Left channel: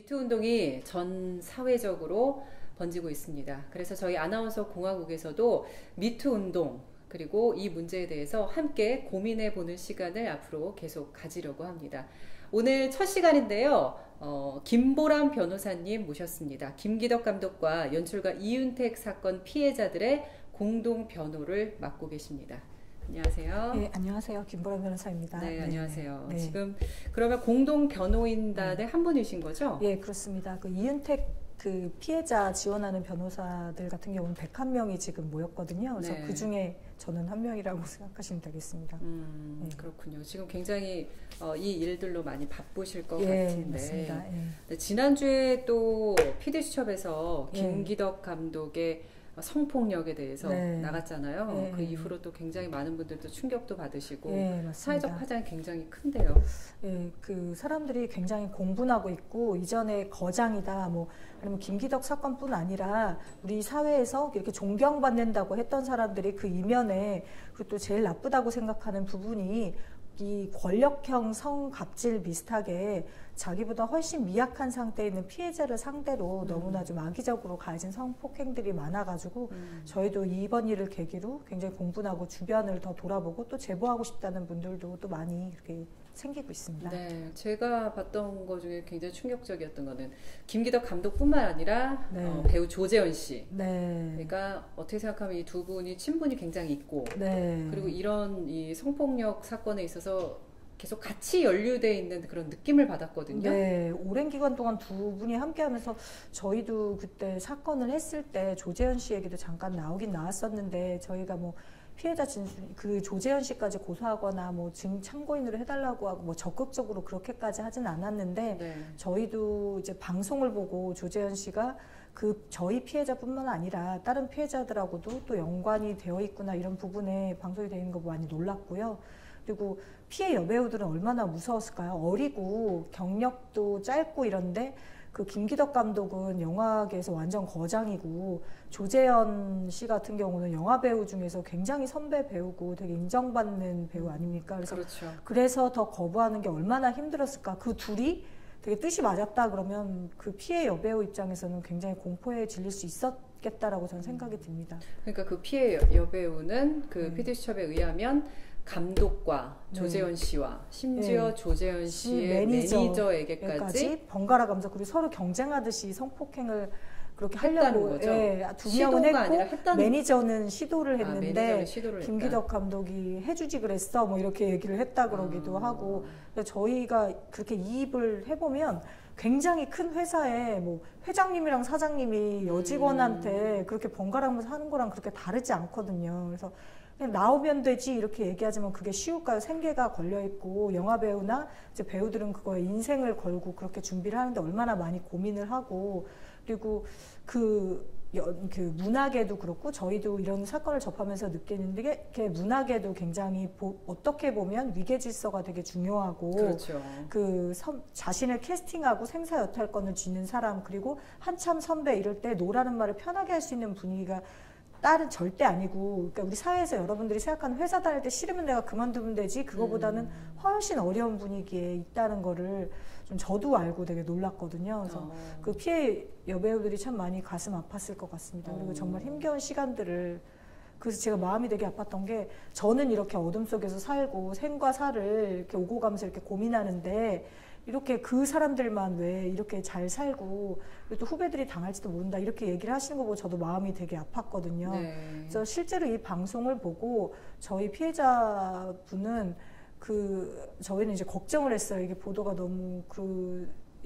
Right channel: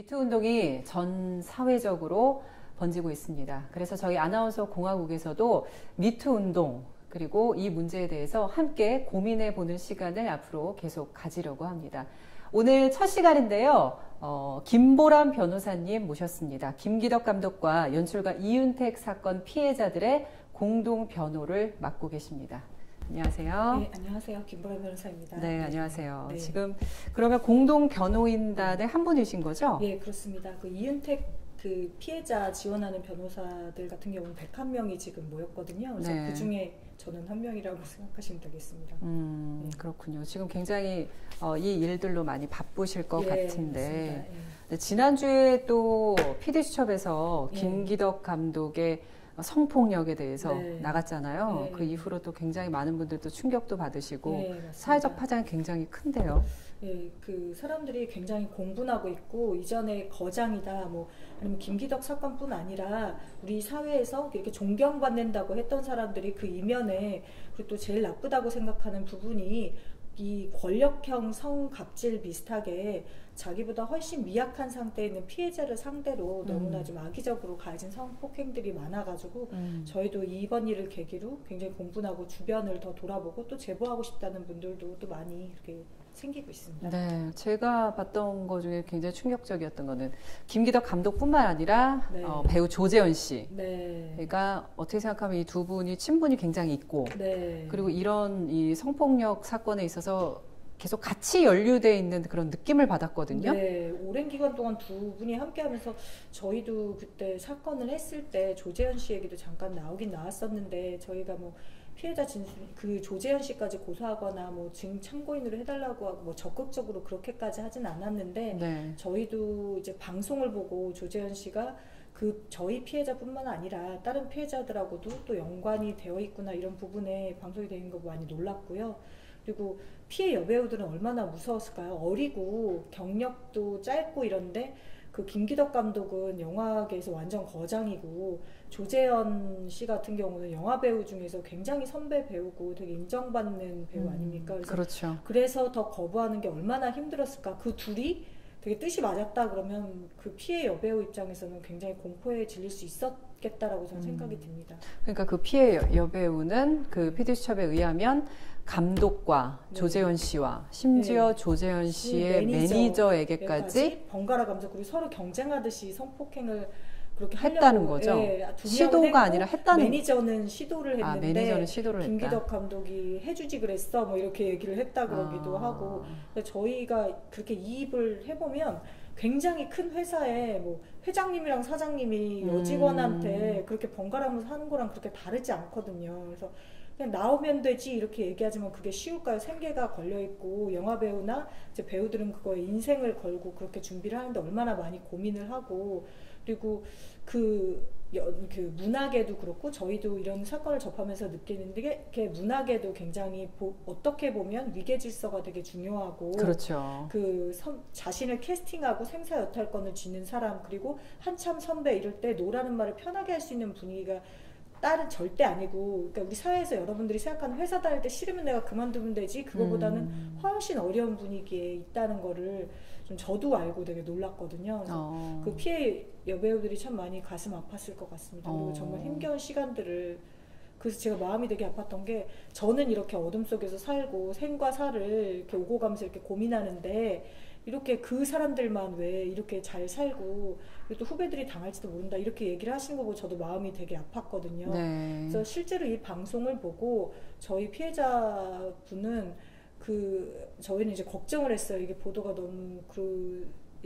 미투 운동이 전 사회적으로 번지고 있습니다. 그래서 저희 아나운서 공화국에서도 미투 운동 그리고 이 문제에 대해서 함께 고민해 보는 시간을 앞으로 계속 가지려고 합니다. 오늘 첫 시간인데요. 김보람 변호사님 모셨습니다. 김기덕 감독과 연출가 이윤택 사건 피해자들의 공동 변호를 맡고 계십니다. 안녕하세요. 네, 안녕하세요. 김보람 변호사입니다. 네, 안녕하세요. 네. 지금 그러면 공동 변호인단의 한 분이신 거죠? 예, 그렇습니다. 그 이윤택 그 피해자 지원하는 변호사들 같은 경우는 101명이 지금 모였거든요. 그래서 네. 그 중에 저는 한 명이라고 생각하시면 되겠습니다. 네. 그렇군요. 지금 굉장히 이 일들로 많이 바쁘실 것 같은데 네, 지난주에 또 PD수첩에서 김기덕 감독의 성폭력에 대해서 나갔잖아요. 네. 그 이후로 또 굉장히 많은 분들도 충격도 받으시고 네, 사회적 파장이 굉장히 큰데요. 예, 그 사람들이 굉장히 공분하고 있고 이전에 거장이다 뭐 아니면 김기덕 사건뿐 아니라 우리 사회에서 이렇게 존경받는다고 했던 사람들이 그 이면에 그리고 또 제일 나쁘다고 생각하는 부분이 이 권력형 성갑질 비슷하게 자기보다 훨씬 미약한 상태에 있는 피해자를 상대로 너무나 좀 악의적으로 가해진 성폭행들이 많아가지고 저희도 이번 일을 계기로 굉장히 공분하고 주변을 더 돌아보고 또 제보하고 싶다는 분들도 또 많이 이렇게 생기고 있습니다. 네, 제가 봤던 것 중에 굉장히 충격적이었던 거는 김기덕 감독뿐만 아니라 배우 조재현 씨. 네. 그러니까 어떻게 생각하면 이 두 분이 친분이 굉장히 있고, 그리고 이런 이 성폭력 사건에 있어서 계속 같이 연루돼 있는 그런 느낌을 받았거든요. 네, 오랜 기간 동안 두 분이 함께하면서 저희도 그때 사건을 했을 때 조재현 씨 얘기도 잠깐 나오긴 나왔었는데 저희가 뭐 피해자 진술 그 조재현 씨까지 고소하거나 뭐 참고인으로 해달라고 하고 뭐 적극적으로 그렇게까지 하진 않았는데 저희도 이제 방송을 보고 조재현 씨가 그 저희 피해자뿐만 아니라 다른 피해자들하고도 또 연관이 되어 있구나 이런 부분에 방송이 되는 거 많이 놀랐고요. 그리고 피해 여배우들은 얼마나 무서웠을까요? 어리고 경력도 짧고 이런데 그 김기덕 감독은 영화계에서 완전 거장이고 조재현 씨 같은 경우는 영화 배우 중에서 굉장히 선배 배우고 되게 인정받는 배우 아닙니까? 그래서 그래서 더 거부하는 게 얼마나 힘들었을까? 그 둘이 되게 뜻이 맞았다 그러면 그 피해 여배우 입장에서는 굉장히 공포에 질릴 수 있었겠다라고 저는 생각이 듭니다. 그러니까 그 피해 여배우는 그 PD수첩에 의하면 감독과 조재현 씨와 심지어 조재현 씨의 매니저에게까지 번갈아 가면서 그리고 서로 경쟁하듯이 성폭행을 그렇게 했다는 거죠. 시도가 아니라 했다는 매니저는 시도를 했는데 매니저는 시도를 김기덕 감독이 해주지 그랬어 뭐 이렇게 얘기를 했다 그러기도 하고 저희가 그렇게 이입을 해보면 굉장히 큰 회사에 뭐 회장님이랑 사장님이 여직원한테 그렇게 번갈아가면서 하는 거랑 그렇게 다르지 않거든요. 그래서 그냥 나오면 되지 이렇게 얘기하지만 그게 쉬울까요? 생계가 걸려있고 영화배우나 이제 배우들은 그거에 인생을 걸고 그렇게 준비를 하는데 얼마나 많이 고민을 하고 그리고 그 문학에도 그렇고 저희도 이런 사건을 접하면서 느끼는데 이게 문학에도 굉장히 어떻게 보면 위계질서가 되게 중요하고 그 자신을 캐스팅하고 생사 여탈권을 쥐는 사람 그리고 한참 선배 이럴 때 노라는 말을 편하게 할 수 있는 분위기가 딸은 절대 아니고 그러니까 우리 사회에서 여러분들이 생각하는 회사 다닐 때 싫으면 내가 그만두면 되지 그거보다는 훨씬 어려운 분위기에 있다는 거를 좀 저도 알고 되게 놀랐거든요. 그래서 그 피해 여배우들이 참 많이 가슴 아팠을 것 같습니다. 그리고 정말 힘겨운 시간들을 그래서 제가 마음이 되게 아팠던 게 저는 이렇게 어둠 속에서 살고 생과 사를 이렇게 오고 가면서 이렇게 고민하는데 이렇게 그 사람들만 왜 이렇게 잘 살고 또 후배들이 당할지도 모른다 이렇게 얘기를 하시는 거 보고 저도 마음이 되게 아팠거든요. 그래서 실제로 이 방송을 보고 저희 피해자분은 저희는 이제 걱정을 했어요. 이게 보도가 너무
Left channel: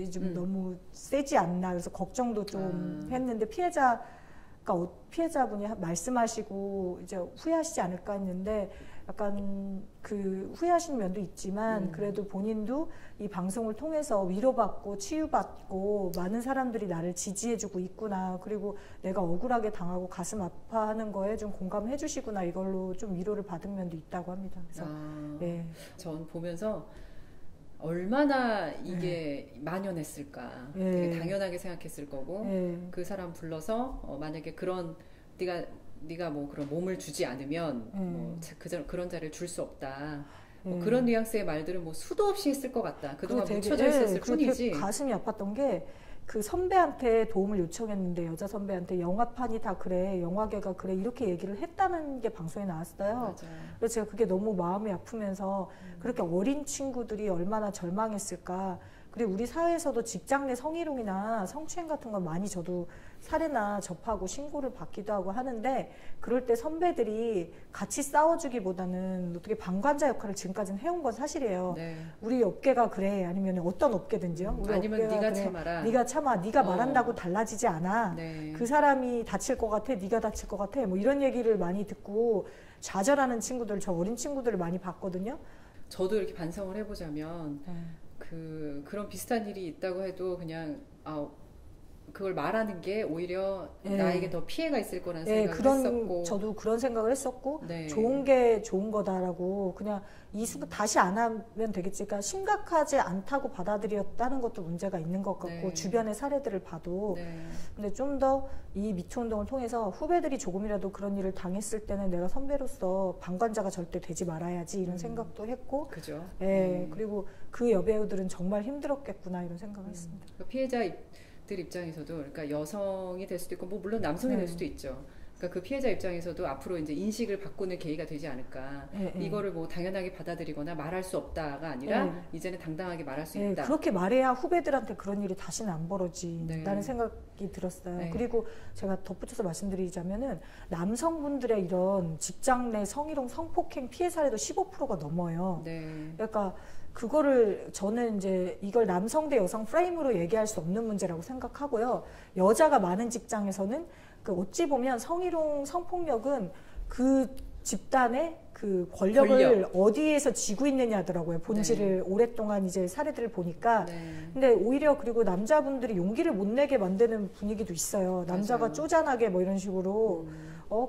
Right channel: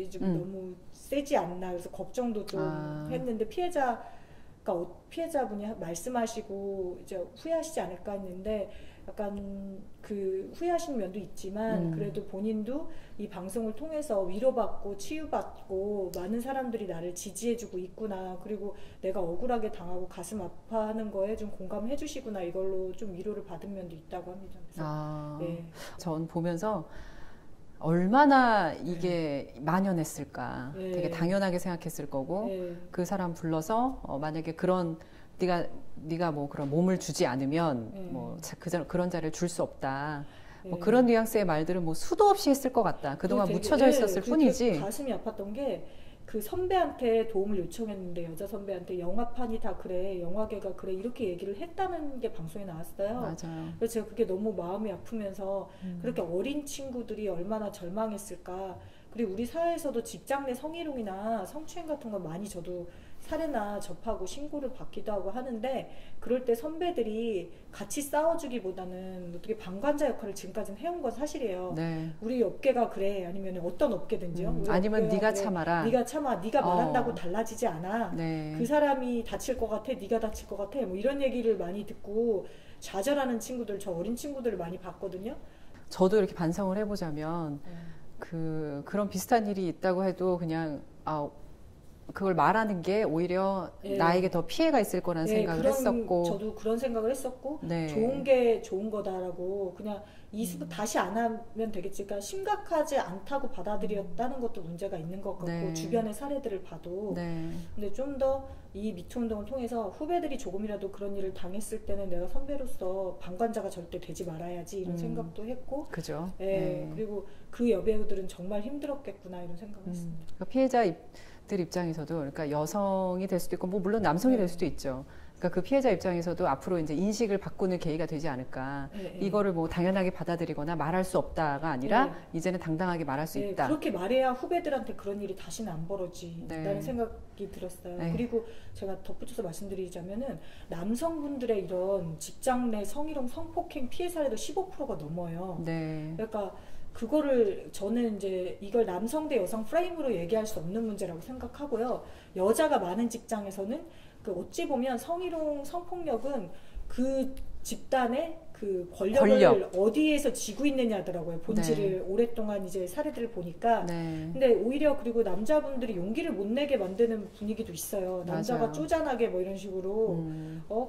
지금 너무 세지 않나 그래서 걱정도 좀 했는데 피해자분이 말씀하시고 이제 후회하시지 않을까 했는데 약간 그 후회하시는 면도 있지만 그래도 본인도 이 방송을 통해서 위로받고 치유받고 많은 사람들이 나를 지지해주고 있구나 그리고 내가 억울하게 당하고 가슴 아파하는 거에 좀 공감해 주시구나 이걸로 좀 위로를 받은 면도 있다고 합니다. 그래서 전 보면서 얼마나 이게 만연했을까 되게 당연하게 생각했을 거고 그 사람 불러서 만약에 그런 네가 뭐 그런 몸을 주지 않으면 뭐 그런 자리를 줄 수 없다 뭐 그런 뉘앙스의 말들은 뭐 수도 없이 했을 것 같다. 그동안 묻혀져 있었을 뿐이지. 가슴이 아팠던 게 그 선배한테 도움을 요청했는데 여자 선배한테 영화판이 다 그래, 영화계가 그래 이렇게 얘기를 했다는 게 방송에 나왔어요. 맞아요. 그래서 제가 그게 너무 마음이 아프면서 그렇게 어린 친구들이 얼마나 절망했을까. 그리고 우리 사회에서도 직장 내 성희롱이나 성추행 같은 건 많이 저도 사례나 접하고 신고를 받기도 하고 하는데 그럴 때 선배들이 같이 싸워주기보다는 어떻게 방관자 역할을 지금까지는 해온 건 사실이에요. 네. 우리 업계가 그래 아니면 어떤 업계든지요. 우리 아니면 네가 그래, 참아라. 네가 참아. 네가 말한다고 달라지지 않아. 네. 그 사람이 다칠 것 같아. 네가 다칠 것 같아. 뭐 이런 얘기를 많이 듣고 좌절하는 친구들, 저 어린 친구들을 많이 봤거든요. 저도 이렇게 반성을 해보자면 그런 비슷한 일이 있다고 해도 그냥 그걸 말하는 게 오히려 나에게 더 피해가 있을 거라는 생각을 했었고 저도 그런 생각을 했었고 네. 좋은 게 좋은 거다라고 그냥 다시 안 하면 되겠지. 그러니까 심각하지 않다고 받아들였다는 것도 문제가 있는 것 같고 네. 주변의 사례들을 봐도 네. 근데 좀 더 이 미투 운동을 통해서 후배들이 조금이라도 그런 일을 당했을 때는 내가 선배로서 방관자가 절대 되지 말아야지 이런 생각도 했고 그죠. 예, 네. 그리고 그 여배우들은 정말 힘들었겠구나 이런 생각을 했습니다. 그러니까 피해자들 입장에서도 그러니까 여성이 될 수도 있고 뭐 물론 남성이 될 수도 있죠. 그러니까 그 피해자 입장에서도 앞으로 이제 인식을 바꾸는 계기가 되지 않을까. 이거를 뭐 당연하게 받아들이거나 말할 수 없다가 아니라 이제는 당당하게 말할 수 있다. 그렇게 말해야 후배들한테 그런 일이 다시는 안 벌어지라는 생각이 들었어요. 네. 그리고 제가 덧붙여서 말씀드리자면은 남성분들의 이런 직장 내 성희롱 성폭행 피해 사례도 15%가 넘어요. 네. 그러니까 그거를 저는 이제 이걸 남성 대 여성 프레임으로 얘기할 수 없는 문제라고 생각하고요. 여자가 많은 직장에서는 그 어찌 보면 성희롱 성폭력은 그 집단의 그 권력을 어디에서 쥐고 있느냐 하더라고요. 본질을 오랫동안 이제 사례들을 보니까. 근데 오히려 그리고 남자분들이 용기를 못 내게 만드는 분위기도 있어요. 남자가 쪼잔하게 뭐 이런 식으로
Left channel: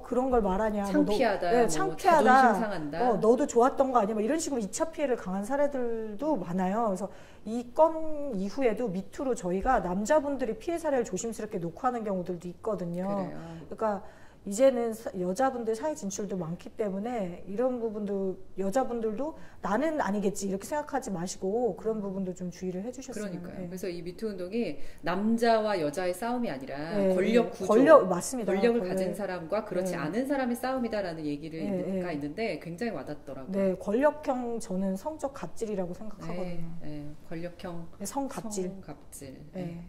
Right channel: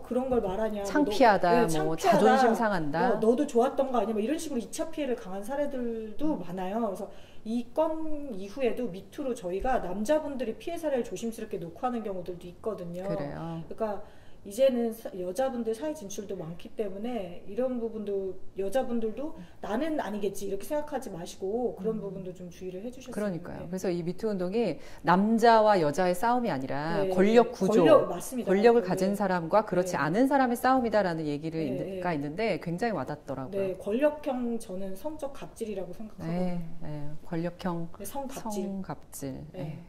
그런 걸 말하냐. 창피하다. 뭐, 창피하다. 자존심 상한다. 너도 좋았던 거 아니야. 뭐 이런 식으로 2차 피해를 강한 사례들도 많아요. 그래서 이 건 이후에도 미투로 저희가 남자분들이 피해 사례를 조심스럽게 녹화하는 경우들도 있거든요. 그래요. 그러니까 이제는 여자분들 사회 진출도 많기 때문에 이런 부분도 여자분들도 나는 아니겠지 이렇게 생각하지 마시고 그런 부분도 좀 주의를 해주셨어요. 그러니까요. 네. 그래서 이 미투 운동이 남자와 여자의 싸움이 아니라 권력 구조, 맞습니다. 권력을 가진 사람과 그렇지 않은 사람의 싸움이다라는 얘기가 있는데 굉장히 와닿더라고요. 네, 권력형 저는 성적 갑질이라고 생각하거든요. 권력형 성갑질.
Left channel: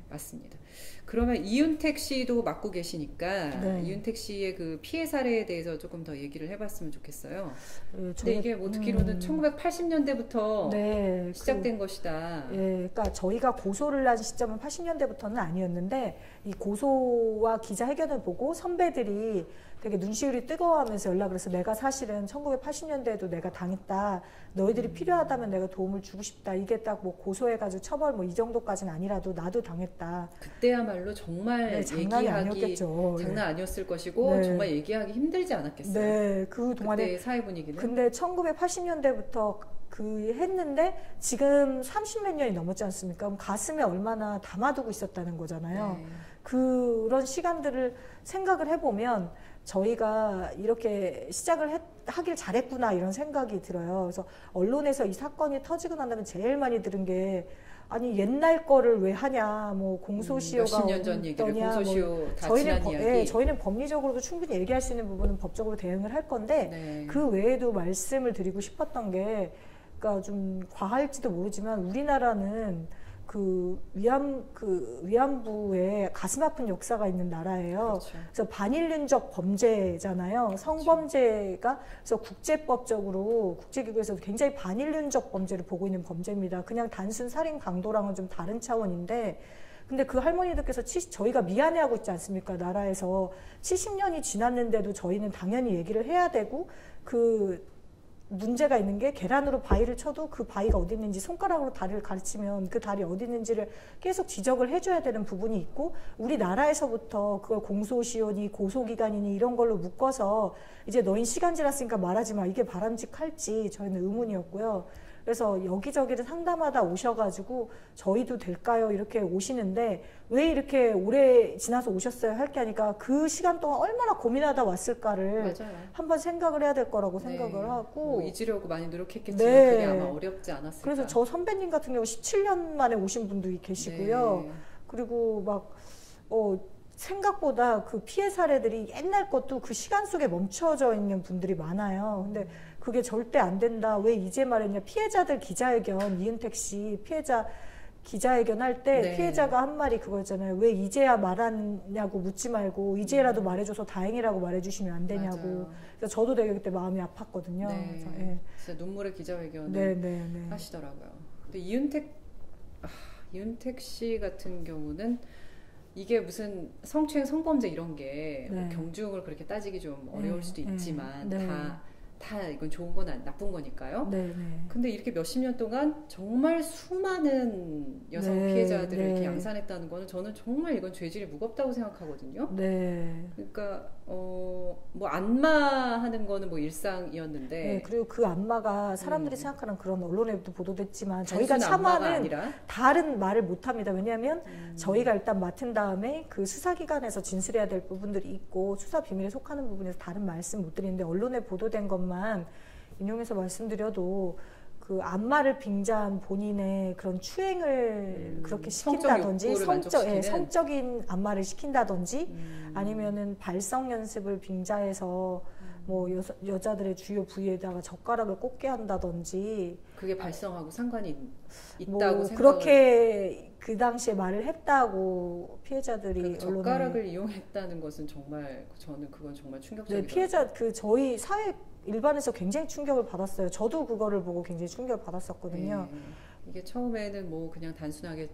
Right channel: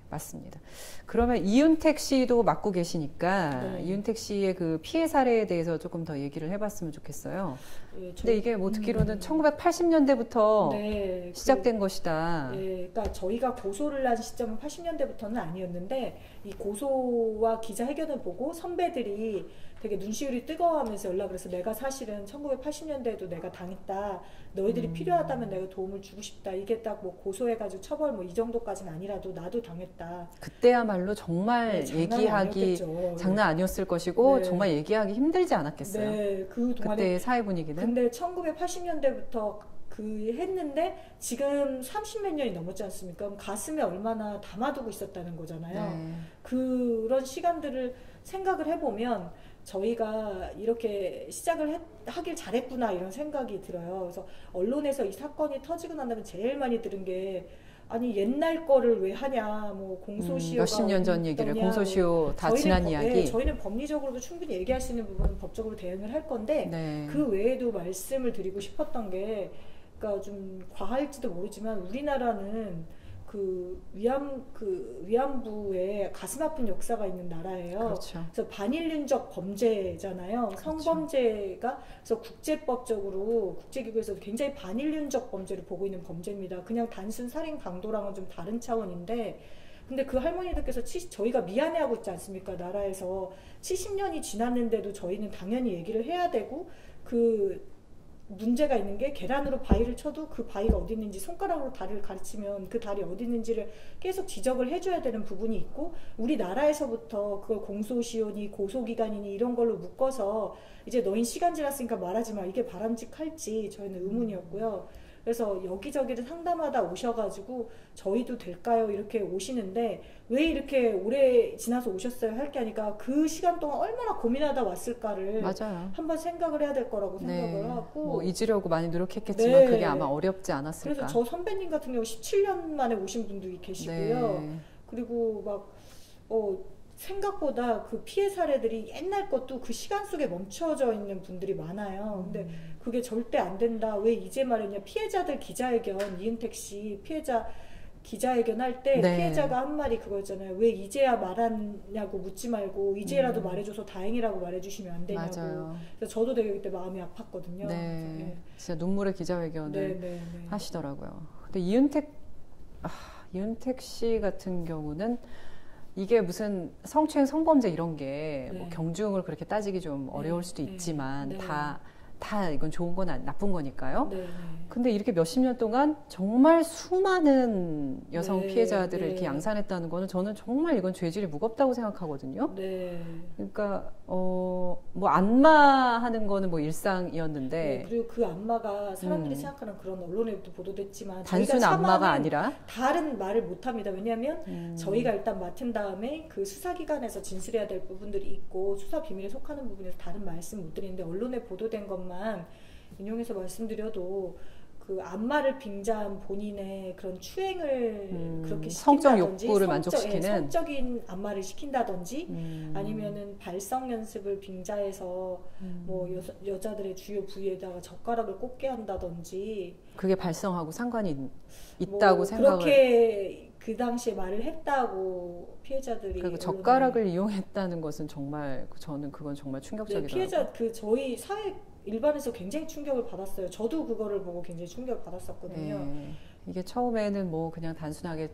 맞습니다. 그러면 이윤택 씨도 맡고 계시니까 이윤택 씨의 그 피해 사례에 대해서 조금 더 얘기를 해봤으면 좋겠어요. 근데 이게 뭐 듣기로는 1980년대부터 시작된 것이다. 그러니까 저희가 고소를 한 시점은 80년대부터는 아니었는데 이 고소와 기자회견을 보고 선배들이 되게 눈시울이 뜨거워하면서 연락을 해서 내가 사실은 1980년대에도 내가 당했다. 너희들이 필요하다면 내가 도움을 주고 싶다. 이게 딱 뭐 고소해가지고 처벌 뭐 이 정도까지는 아니라도 나도 당했다. 그때야말로 정말 얘기하기 장난 아니었을 것이고 정말 얘기하기 힘들지 않았겠어요. 네, 그 동안에 그때의 사회 분위기는. 근데 1980년대부터 했는데 지금 30몇 년이 넘었지 않습니까? 그럼 가슴에 얼마나 담아두고 있었다는 거잖아요. 그런 시간들을 생각을 해보면 저희가 이렇게 시작을 하길 잘했구나 이런 생각이 들어요. 그래서 언론에서 이 사건이 터지고 난 다음에 제일 많이 들은 게 아니 옛날 거를 왜 하냐 뭐 공소시효가 몇십 년 전 얘기를 공소시효 다 지난 이야기. 저희는 법리적으로도 충분히 얘기할 수 있는 부분은 법적으로 대응을 할 건데 그 외에도 말씀을 드리고 싶었던 게 그러니까 좀 과할지도 모르지만 우리나라는 그 위안부에 가슴 아픈 역사가 있는 나라예요. 그렇죠. 그래서 반인륜적 범죄잖아요. 그렇죠. 성범죄가 그래서 국제법적으로 국제기구에서도 굉장히 반인륜적 범죄를 보고 있는 범죄입니다. 그냥 단순 살인 강도랑은 좀 다른 차원인데 근데 그 할머니들께서 저희가 미안해하고 있지 않습니까? 나라에서 70년이 지났는데도 저희는 당연히 얘기를 해야 되고 그 문제가 있는 게 계란으로 바위를 쳐도 그 바위가 어디 있는지 손가락으로 다리를 가르치면 그 다리 어디 있는지를 계속 지적을 해줘야 되는 부분이 있고 우리나라에서부터 그걸 공소시효니 고소기간이니 이런 걸로 묶어서 이제 너희 시간 지났으니까 말하지 마 이게 바람직할지 저희는 의문이었고요. 그래서 여기저기를 상담하다 오셔가지고 저희도 될까요? 이렇게 오시는데 왜 이렇게 오래 지나서 오셨어요? 할 게 아니라 그 시간 동안 얼마나 고민하다 왔을까를 한번 생각을 해야 될 거라고 생각을 하고 또 잊으려고 많이 노력했겠지만 네. 그게 아마 어렵지 않았을까. 그래서 저 선배님 같은 경우 17년 만에 오신 분도 계시고요. 네. 그리고 막 생각보다 그 피해 사례들이 옛날 것도 그 시간 속에 멈춰져 있는 분들이 많아요. 근데 그게 절대 안 된다. 왜 이제 말했냐. 피해자들 기자회견, 이은택 씨 피해자 기자회견 할 때 네. 피해자가 한 말이 그거였잖아요. 왜 이제야 말하냐고 묻지 말고 이제라도 말해줘서 다행이라고 말해주시면 안 되냐고. 맞아요. 그래서 저도 되게 그때 마음이 아팠거든요. 네. 그래서, 예. 진짜 눈물의 기자회견을 네. 하시더라고요. 근데 이은택 씨 같은 경우는 이게 무슨 성추행, 성범죄 이런 게 뭐 네. 경중을 그렇게 따지기 좀 어려울 수도 있지만 네. 다 이건 좋은 건 나쁜 거니까요. 네. 근데 이렇게 몇십 년 동안 정말 수많은 여성 네, 피해자들을 네. 이렇게 양산했다는 거는 저는 정말 이건 죄질이 무겁다고 생각하거든요. 네. 그러니까 뭐 안마하는 거는 뭐 일상이었는데 네, 그리고 그 안마가 사람들이 생각하는 그런 언론에도 보도됐지만 저희가 단순 안마가 참아는 아니라 다른 말을 못합니다. 왜냐하면 저희가 일단 맡은 다음에 그 수사기관에서 진술해야 될 부분들이 있고 수사 비밀에 속하는 부분에서 다른 말씀 못 드리는데 언론에 보도된 것만 인용해서 말씀드려도 그 안마를 빙자한 본인의 그런 추행을 그렇게 성적 시킨다든지 욕구를 만족시키는 성적인 안마를 시킨다든지 아니면은 발성 연습을 빙자해서 뭐 여자들의 주요 부위에다가 젓가락을 꽂게 한다든지 그게 발성하고 상관이 뭐 있다고 생각을 그렇게 그 당시에 말을 했다고 피해자들이 그 젓가락을 이용했다는 것은 정말 저는 그건 정말 충격적이더라고요. 네, 피해자 저희 사회 일반에서 굉장히 충격을 받았어요. 저도 그거를 보고 굉장히 충격을 받았었거든요. 네. 이게 처음에는 뭐 그냥 단순하게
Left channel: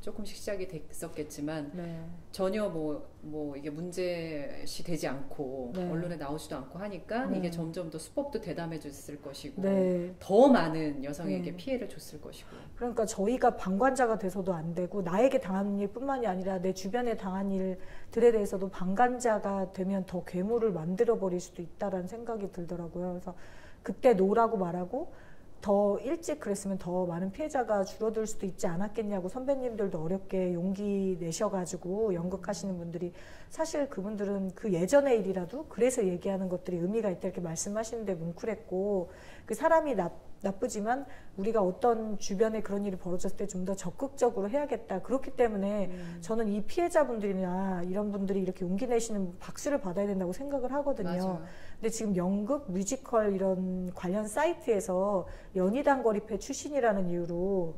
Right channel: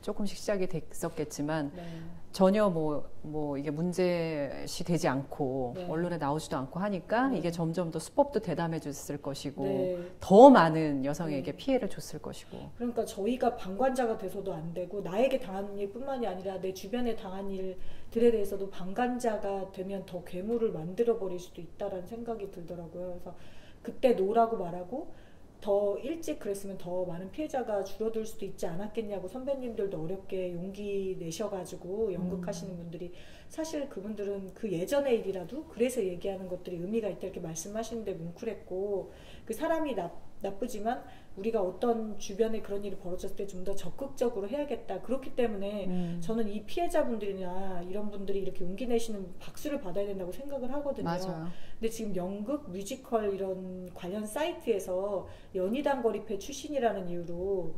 조금씩 시작이 됐었겠지만 네. 전혀 뭐 이게 문제시 되지 않고 네. 언론에 나오지도 않고 하니까 이게 점점 더 수법도 대담해졌을 것이고 네. 더 많은 여성에게 피해를 줬을 것이고. 그러니까 저희가 방관자가 돼서도 안 되고 나에게 당한 일뿐만이 아니라 내 주변에 당한 일들에 대해서도 방관자가 되면 더 괴물을 만들어 버릴 수도 있다라는 생각이 들더라고요. 그래서 그때 노라고 말하고 더 일찍 그랬으면 더 많은 피해자가 줄어들 수도 있지 않았겠냐고 선배님들도 어렵게 용기 내셔가지고 연극하시는 분들이 사실 그분들은 그 예전의 일이라도 그래서 얘기하는 것들이 의미가 있다 이렇게 말씀하시는데 뭉클했고 그 사람이 나쁘지만 우리가 어떤 주변에 그런 일이 벌어졌을 때 좀 더 적극적으로 해야겠다. 그렇기 때문에 저는 이 피해자분들이나 이런 분들이 이렇게 용기 내시는 박수를 받아야 된다고 생각을 하거든요. 맞아요. 근데 지금 연극, 뮤지컬 이런 관련 사이트에서 연희당 거리패 출신이라는 이유로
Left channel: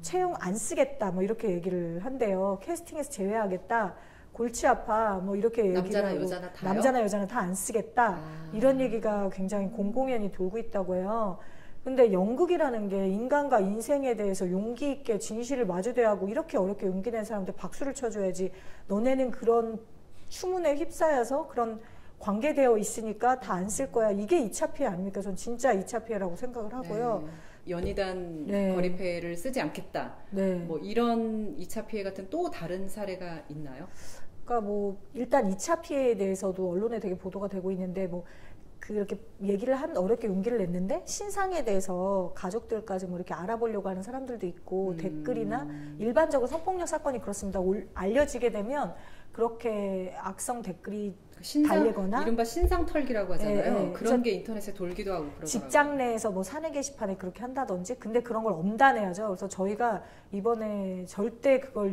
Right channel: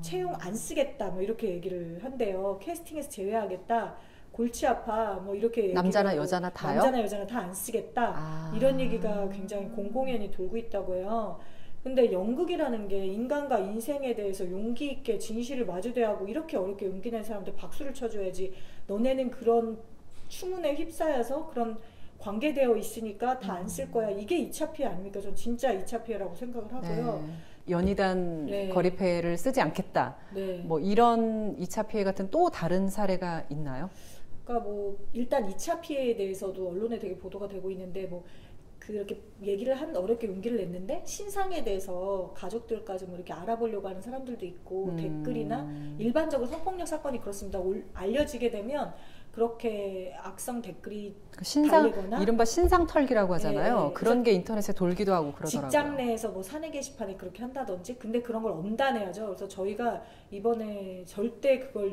채용 안 쓰겠다 뭐 이렇게 얘기를 한대요. 캐스팅에서 제외하겠다. 골치 아파 뭐 이렇게 남자나 여자나 다요? 남자나 여자나 다 안 쓰겠다. 이런 얘기가 굉장히 공공연히 돌고 있다고 해요. 근데 연극이라는 게 인간과 인생에 대해서 용기 있게 진실을 마주대하고 이렇게 어렵게 용기 낸 사람한테 박수를 쳐줘야지 너네는 그런 추문에 휩싸여서 그런 관계되어 있으니까 다 안 쓸 거야. 이게 2차 피해 아닙니까? 전 진짜 2차 피해라고 생각을 하고요. 네. 연희단 네. 거리패를 쓰지 않겠다. 네. 뭐 이런 2차 피해 같은 또 다른 사례가 있나요? 그러니까 뭐 일단 2차 피해에 대해서도 언론에 되게 보도가 되고 있는데 뭐 그렇게 얘기를 어렵게 용기를 냈는데 신상에 대해서 가족들까지 뭐 이렇게 알아보려고 하는 사람들도 있고 댓글이나 일반적으로 성폭력 사건이 그렇습니다. 알려지게 되면 그렇게 악성 댓글이 달리거나 이른바 신상털기라고 하잖아요. 네, 그런 게 인터넷에 돌기도 하고 그러더라고요. 직장 내에서 뭐 사내 게시판에 그렇게 한다든지 근데 그런 걸 엄단해야죠. 그래서 저희가 이번에 절대 그걸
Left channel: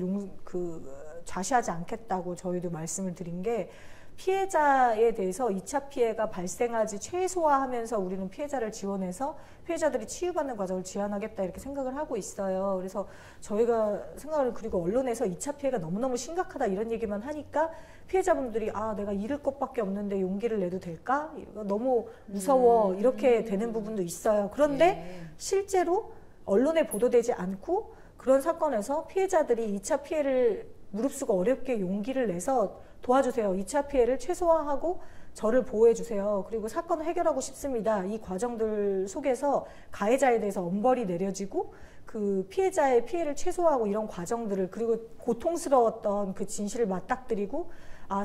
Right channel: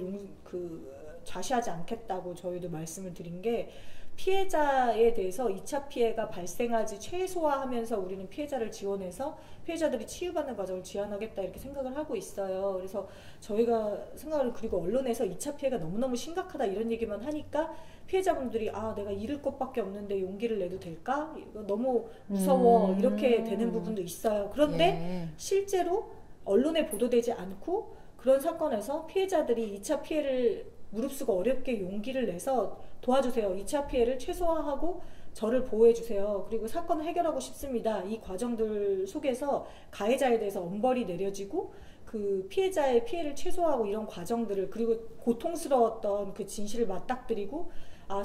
좌시하지 않겠다고 저희도 말씀을 드린 게 피해자에 대해서 2차 피해가 발생하지 최소화하면서 우리는 피해자를 지원해서 피해자들이 치유받는 과정을 지원하겠다 이렇게 생각을 하고 있어요. 그래서 저희가 생각을 그리고 언론에서 2차 피해가 너무너무 심각하다 이런 얘기만 하니까 피해자분들이 내가 잃을 것밖에 없는데 용기를 내도 될까? 너무 무서워 이렇게 되는 부분도 있어요. 그런데 실제로 언론에 보도되지 않고 그런 사건에서 피해자들이 2차 피해를 무릅쓰고 어렵게 용기를 내서 도와주세요. 2차 피해를 최소화하고 저를 보호해주세요. 그리고 사건을 해결하고 싶습니다. 이 과정들 속에서 가해자에 대해서 엄벌이 내려지고 그 피해자의 피해를 최소화하고 이런 과정들을 그리고 고통스러웠던 그 진실을 맞닥뜨리고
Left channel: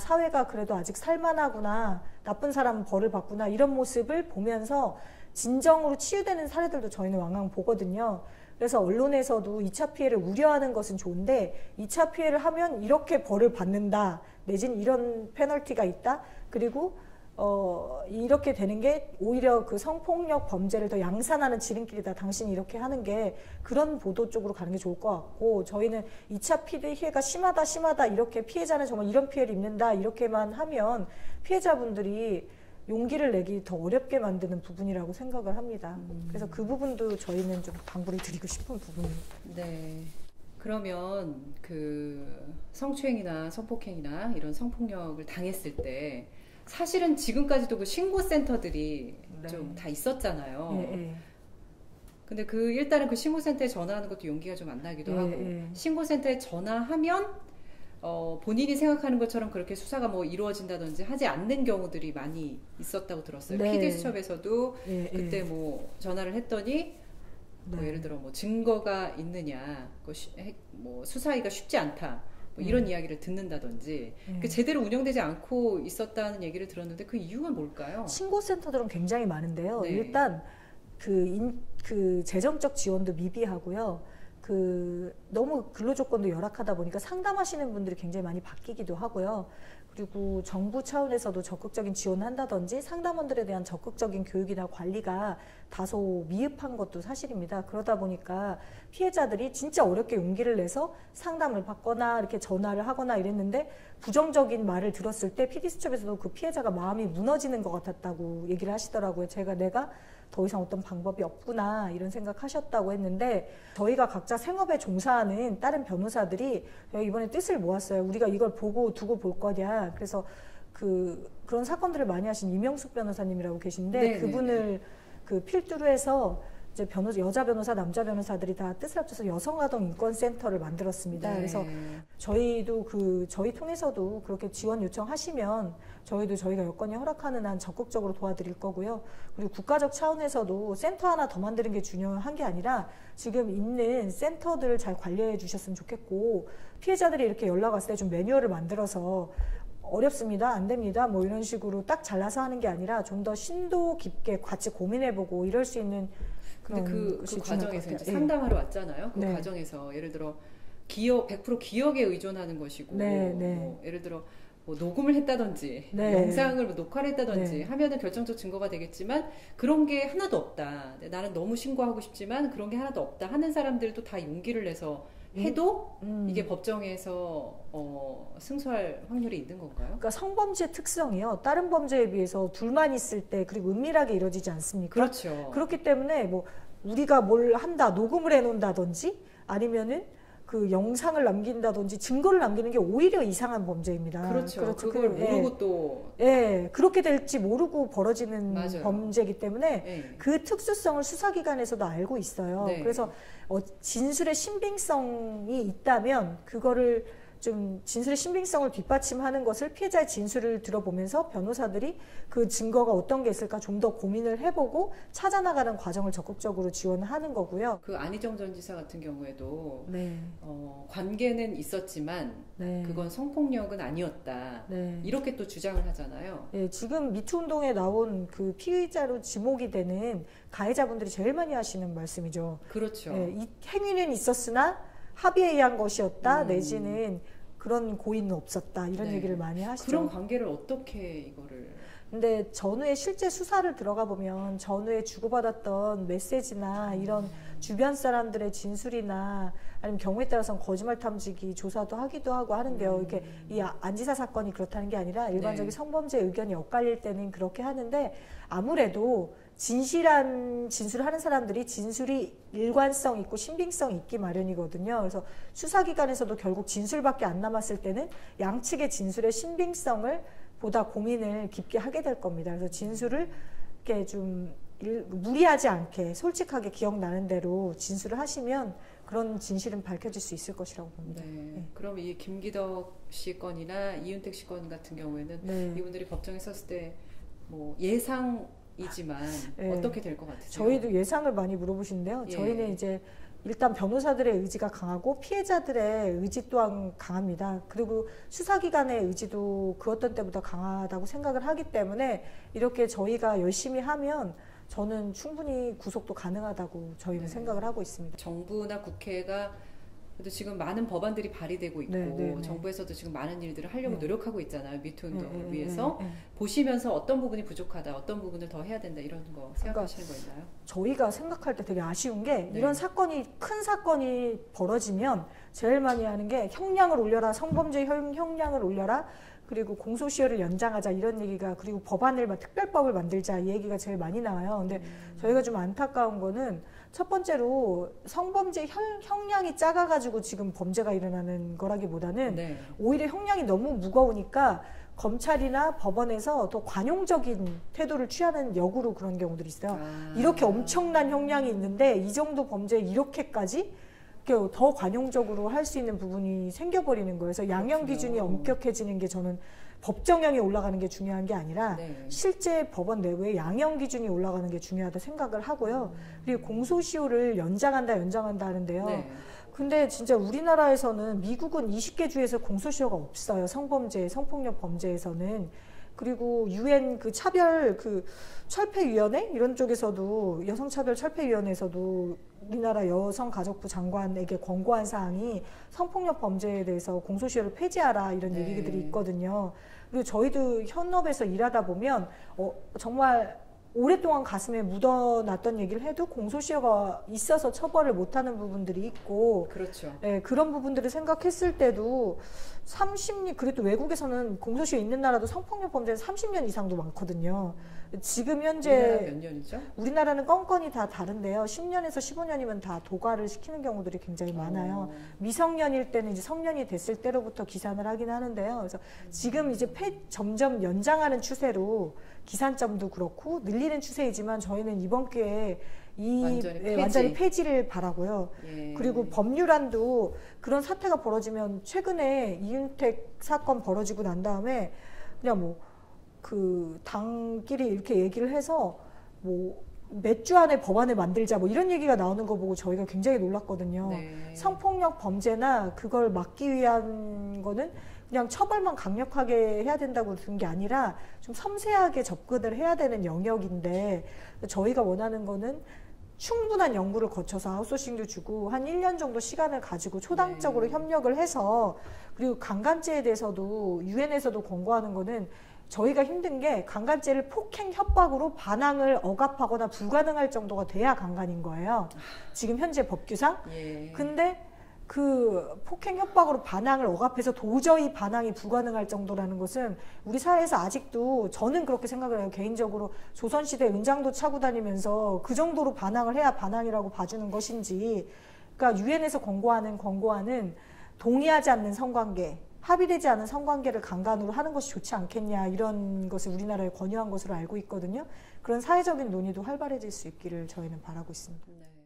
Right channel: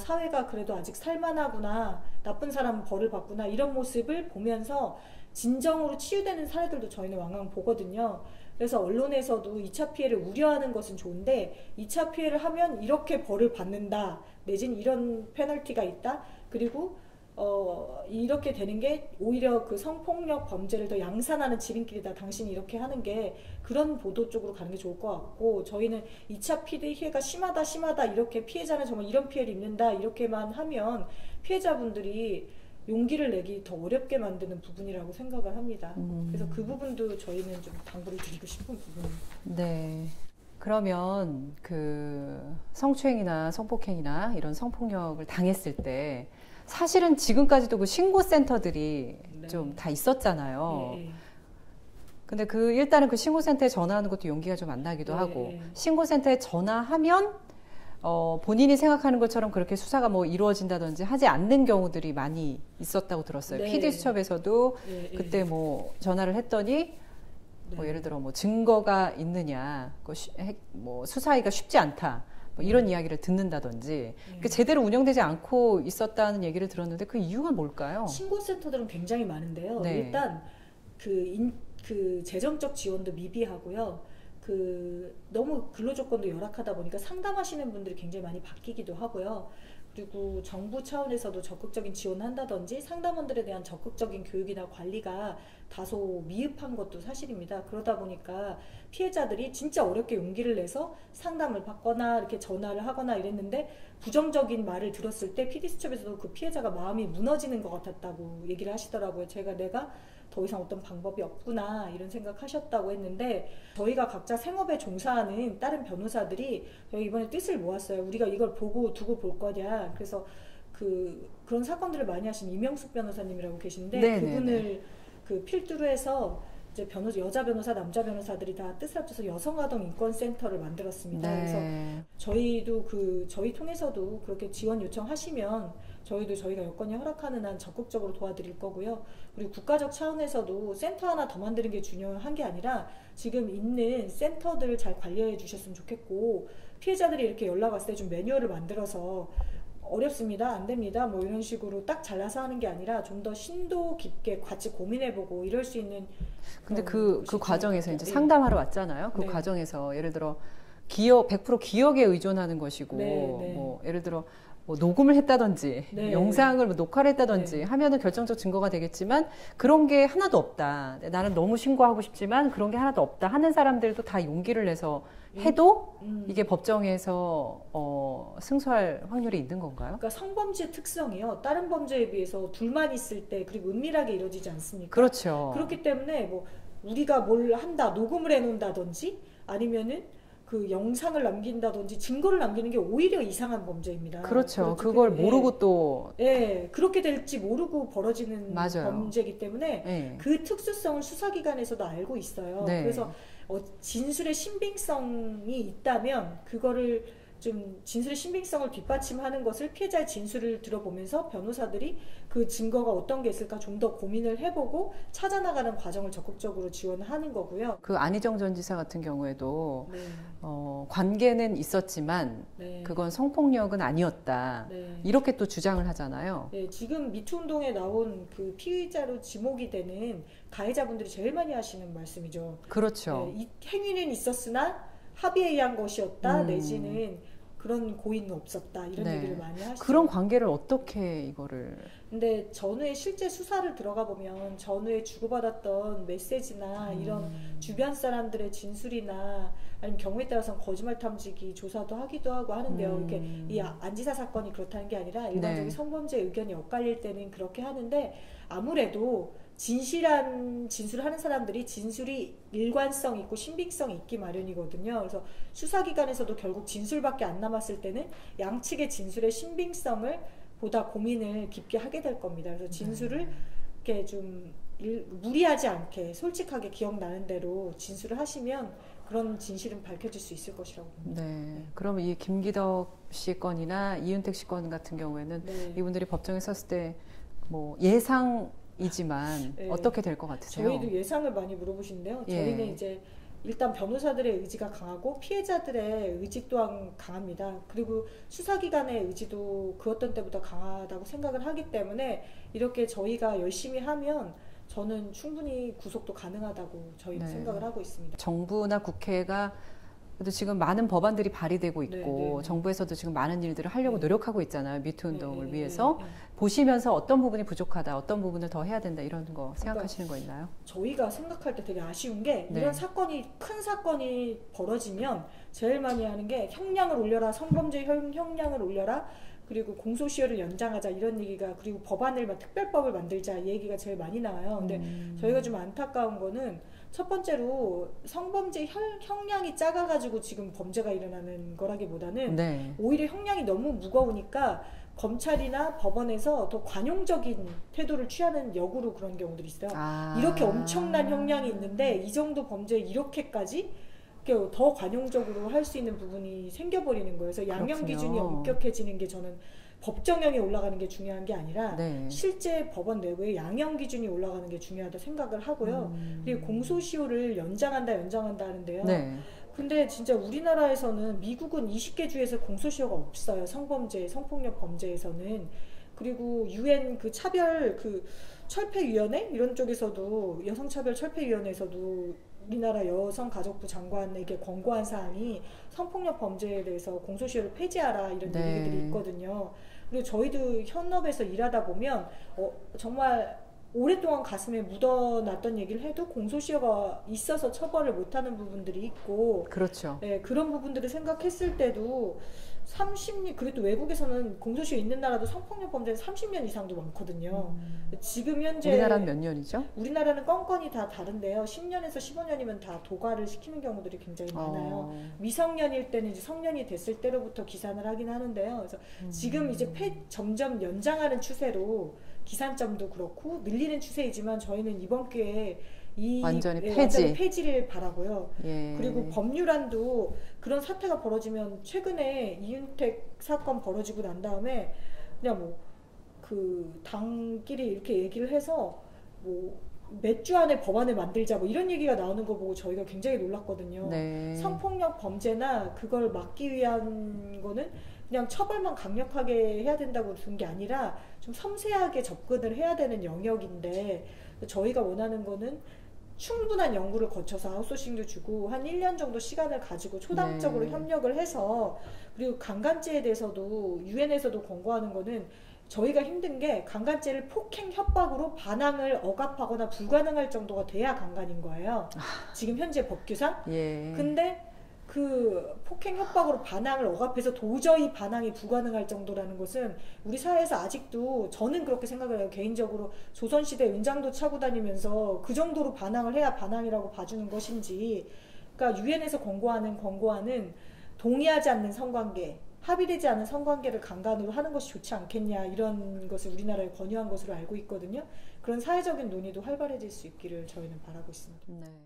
사회가 그래도 아직 살만하구나. 나쁜 사람은 벌을 받구나. 이런 모습을 보면서 진정으로 치유되는 사례들도 저희는 왕왕 보거든요. 그래서 언론에서도 2차 피해를 우려하는 것은 좋은데 2차 피해를 하면 이렇게 벌을 받는다. 내지는 이런 페널티가 있다. 그리고 이렇게 되는 게 오히려 그 성폭력 범죄를 더 양산하는 지름길이다. 당신이 이렇게 하는 게 그런 보도 쪽으로 가는 게 좋을 것 같고 저희는 2차 피해가 심하다 이렇게 피해자는 정말 이런 피해를 입는다 이렇게만 하면 피해자분들이 용기를 내기 더 어렵게 만드는 부분이라고 생각을 합니다. 그래서 그 부분도 저희는 좀 당부를 드리고 싶은 부분이에요. 네. 그러면 그 성추행이나 성폭행이나 이런 성폭력을 당했을 때 사실은 지금까지도 그 신고센터들이 네. 좀 다 있었잖아요. 예. 근데 그 일단은 그 신고센터에 전화하는 것도 용기가 좀 안 나기도 예, 하고 예. 신고센터에 전화하면 본인이 생각하는 것처럼 그렇게 수사가 뭐 이루어진다든지 하지 않는 경우들이 많이 있었다고 들었어요. 네. PD수첩에서도 예, 그때 뭐 전화를 했더니 네. 뭐 예를 들어 뭐 증거가 있느냐, 뭐 수사하기가 쉽지 않다. 뭐 이런 이야기를 듣는다든지 그 제대로 운영되지 않고 있었다는 얘기를 들었는데 그 이유가 뭘까요? 신고센터들은 굉장히 많은데요. 네. 일단 그 재정적 지원도 미비하고요. 너무 근로조건도 열악하다 보니까 상담하시는 분들이 굉장히 많이 바뀌기도 하고요. 그리고 정부 차원에서도 적극적인 지원을 한다든지 상담원들에 대한 적극적인 교육이나 관리가 다소 미흡한 것도 사실입니다. 그러다 보니까 피해자들이 진짜 어렵게 용기를 내서 상담을 받거나 이렇게 전화를 하거나 이랬는데 부정적인 말을 들었을 때 PD수첩에서도 그 피해자가 마음이 무너지는 것 같았다고 얘기를 하시더라고요. 내가 더 이상 어떤 방법이 없구나 이런 생각하셨다고 했는데 저희가 각자 생업에 종사하는 다른 변호사들이 이번에 뜻을 모았어요. 우리가 이걸 보고 두고 볼 거냐. 그래서 그런 사건들을 많이 하신 이명숙 변호사님이라고 계신데 네, 그분을 네. 그 필두로 해서 이제 여자 변호사, 남자 변호사들이 다 뜻을 합쳐서 여성아동 인권센터를 만들었습니다. 네. 그래서 저희도 저희 통해서도 그렇게 지원 요청하시면 저희가 여건이 허락하는 한 적극적으로 도와드릴 거고요. 그리고 국가적 차원에서도 센터 하나 더 만드는 게 중요한 게 아니라 지금 있는 센터들을 잘 관리해 주셨으면 좋겠고 피해자들이 이렇게 연락 왔을 때 좀 매뉴얼을 만들어서 어렵습니다. 안 됩니다. 뭐 이런 식으로 딱 잘라서 하는 게 아니라 좀 더 심도 깊게 같이 고민해보고 이럴 수 있는 근데 그 과정에서 이제 상담하러 왔잖아요. 그 네. 과정에서 예를 들어 100% 기억에 의존하는 것이고 네. 뭐 예를 들어 뭐 녹음을 했다든지 네. 영상을 뭐 녹화를 했다든지 네. 하면은 결정적 증거가 되겠지만 그런 게 하나도 없다. 나는 너무 신고하고 싶지만 그런 게 하나도 없다 하는 사람들도 다 용기를 내서 해도 이게 법정에서 승소할 확률이 있는 건가요? 그러니까 성범죄 특성이요. 다른 범죄에 비해서 둘만 있을 때 그리고 은밀하게 이루어지지 않습니까? 그렇죠. 그렇기 때문에 뭐 우리가 뭘 한다, 녹음을 해놓는다든지 아니면은 그 영상을 남긴다든지 증거를 남기는 게 오히려 이상한 범죄입니다. 그렇죠. 그걸 모르고 또 그렇게 될지 모르고 벌어지는 맞아요. 범죄이기 때문에 네. 그 특수성을 수사기관에서도 알고 있어요. 네. 그래서 진술의 신빙성이 있다면 그거를 좀 진술의 신빙성을 뒷받침하는 것을 피해자의 진술을 들어보면서 변호사들이 그 증거가 어떤 게 있을까 좀 더 고민을 해보고 찾아나가는 과정을 적극적으로 지원하는 거고요. 그 안희정 전 지사 같은 경우에도 네. 관계는 있었지만 네. 그건 성폭력은 아니었다. 네. 이렇게 또 주장을 하잖아요. 네, 지금 미투 운동에 나온 그 피의자로 지목이 되는 가해자분들이 제일 많이 하시는 말씀이죠. 그렇죠. 네, 이 행위는 있었으나 합의에 의한 것이었다. 내지는 그런 고의는 없었다. 이런 네. 얘기를 많이 하시죠. 그런 관계를 어떻게 이거를 근데 전후에 실제 수사를 들어가 보면 전후에 주고받았던 메시지나 이런 주변 사람들의 진술이나 아니면 경우에 따라서는 거짓말 탐지기 조사도 하기도 하고 하는데요. 이게 이 안지사 사건이 그렇다는 게 아니라 일반적인 네. 성범죄 의견이 엇갈릴 때는 그렇게 하는데 아무래도 진실한 진술을 하는 사람들이 진술이 일관성 있고 신빙성 있기 마련이거든요. 그래서 수사기관에서도 결국 진술밖에 안 남았을 때는 양측의 진술의 신빙성을 보다 고민을 깊게 하게 될 겁니다. 그래서 진술을 이렇게 좀 무리하지 않게 솔직하게 기억나는 대로 진술을 하시면 그런 진실은 밝혀질 수 있을 것이라고 봅니다. 네. 그럼 이 김기덕 씨 건이나 이윤택 씨 건 같은 경우에는 네. 이분들이 법정에 섰을 때 뭐 예상이지만 네. 어떻게 될 것 같으세요? 저희도 예상을 많이 물어보시는데요. 예. 저희는 이제 일단 변호사들의 의지가 강하고 피해자들의 의지 또한 강합니다. 그리고 수사기관의 의지도 그 어떤 때보다 강하다고 생각을 하기 때문에 이렇게 저희가 열심히 하면 저는 충분히 구속도 가능하다고 저희는 네. 생각을 하고 있습니다. 정부나 국회가 그래도 지금 많은 법안들이 발의되고 있고 네. 정부에서도 지금 많은 일들을 하려고 네. 노력하고 있잖아요. 미투 운동을 네. 위해서. 보시면서 어떤 부분이 부족하다, 어떤 부분을 더 해야 된다 이런 거 생각하시는 거 있나요? 저희가 생각할 때 되게 아쉬운 게 네. 이런 사건이 큰 사건이 벌어지면 제일 많이 하는 게 형량을 올려라, 성범죄 형량을 올려라, 그리고 공소시효를 연장하자 이런 얘기가, 그리고 법안을 특별법을 만들자 이 얘기가 제일 많이 나와요. 근데 저희가 좀 안타까운 거는 첫 번째로 성범죄 형량이 작아가지고 지금 범죄가 일어나는 거라기보다는 네. 오히려 형량이 너무 무거우니까 검찰이나 법원에서 더 관용적인 태도를 취하는 역으로 그런 경우들이 있어요. 이렇게 엄청난 형량이 있는데 이 정도 범죄에 이렇게까지 더 관용적으로 할 수 있는 부분이 생겨버리는 거예요. 그래서 양형 기준이 엄격해지는 게 저는 법정형이 올라가는 게 중요한 게 아니라 네. 실제 법원 내부에 양형 기준이 올라가는 게 중요하다 생각을 하고요. 그리고 공소시효를 연장한다 하는데요. 네. 근데 진짜 우리나라에서는, 미국은 20개 주에서 공소시효가 없어요. 성범죄, 성폭력 범죄에서는. 그리고 UN 그 차별 철폐위원회 이런 쪽에서도, 여성차별 철폐위원회에서도 우리나라 여성가족부 장관에게 권고한 사항이 성폭력 범죄에 대해서 공소시효를 폐지하라 이런 네. 얘기들이 있거든요. 그리고 저희도 현업에서 일하다 보면 정말 오랫동안 가슴에 묻어놨던 얘기를 해도 공소시효가 있어서 처벌을 못하는 부분들이 있고, 그렇죠. 네, 그런 부분들을 생각했을 때도 30년, 그래도 외국에서는 공소시효 있는 나라도 성폭력 범죄는 30년 이상도 많거든요. 지금 현재 우리나라는 몇 년이죠? 우리나라는 건건이 다 다른데요. 10년에서 15년이면 다 도과를 시키는 경우들이 굉장히 많아요. 미성년일 때는 이제 성년이 됐을 때로부터 기산을 하긴 하는데요. 그래서 지금 이제 점점 연장하는 추세로 기산점도 그렇고 늘리는 추세이지만 저희는 이번 기회에 완전히 폐지를 바라고요. 예. 그리고 법률안도 그런 사태가 벌어지면, 최근에 이윤택 사건 벌어지고 난 다음에 그냥 당끼리 이렇게 얘기를 해서 몇 주 안에 법안을 만들자 이런 얘기가 나오는 거 보고 저희가 굉장히 놀랐거든요. 네. 성폭력 범죄나 그걸 막기 위한 거는 그냥 처벌만 강력하게 해야 된다고 둔 게 아니라 좀 섬세하게 접근을 해야 되는 영역인데, 저희가 원하는 거는 충분한 연구를 거쳐서 아웃소싱도 주고 한 1년 정도 시간을 가지고 초당적으로 협력을 해서, 그리고 강간죄에 대해서도 유엔에서도 권고하는 거는, 저희가 힘든 게 강간죄를 폭행 협박으로 반항을 억압하거나 불가능할 정도가 돼야 강간인 거예요. 지금 현재 법규상. 예. 근데 그 폭행 협박으로 반항을 억압해서 도저히 반항이 불가능할 정도라는 것은 우리 사회에서 아직도, 저는 그렇게 생각을 해요. 개인적으로 조선시대 은장도 차고 다니면서 그 정도로 반항을 해야 반항이라고 봐주는 것인지, 그러니까 유엔에서 권고하는 동의하지 않는 성관계, 합의되지 않은 성관계를 강간으로 하는 것이 좋지 않겠냐, 이런 것을 우리나라에 권유한 것으로 알고 있거든요. 그런 사회적인 논의도 활발해질 수 있기를 저희는 바라고 있습니다. 네.